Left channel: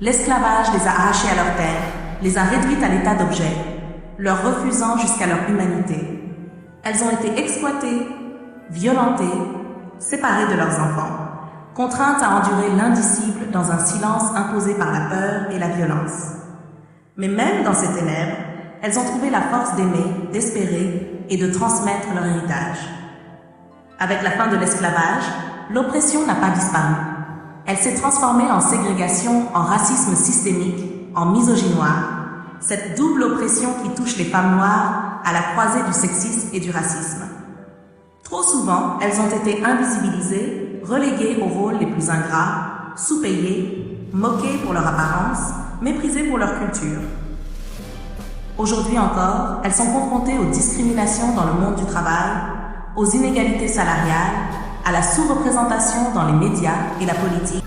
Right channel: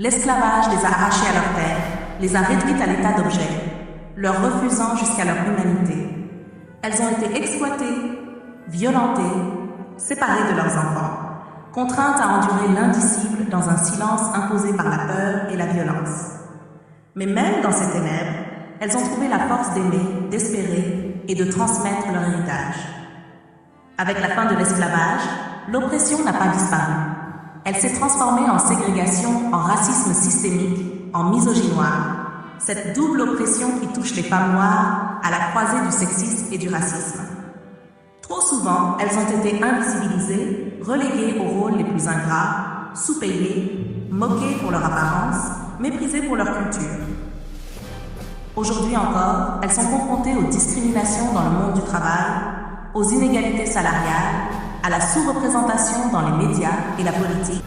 L'esclavage les a arrachés à leur terre, les a réduites à l'état d'objets, leur refusant jusqu'à leur humanité. Elles ont été exploitées, violentées, séparées de leurs enfants, contraintes à endurer l'indicible dans un silence imposé par la peur et la violence. Mais même dans ces ténèbres, elles ont trouvé la force d'aimer, d'espérer et de transmettre leur héritage. Avec la fin de l'esclavage, l'oppression n'a pas disparu. Elle s'est transformée en ségrégation, en racisme systémique, en misogynoire, cette double oppression qui touche les femmes noires à la croisée du sexisme et du racisme. Trop souvent, elles ont été invisibilisées, reléguées aux rôles les plus ingrats, sous-payées, moquées pour leur apparence, méprisées pour leur culture. Aujourd'hui encore, elles sont confrontées aux discriminations dans le monde du travail, aux inégalités salariales, à la sous-représentation dans les médias et la politique.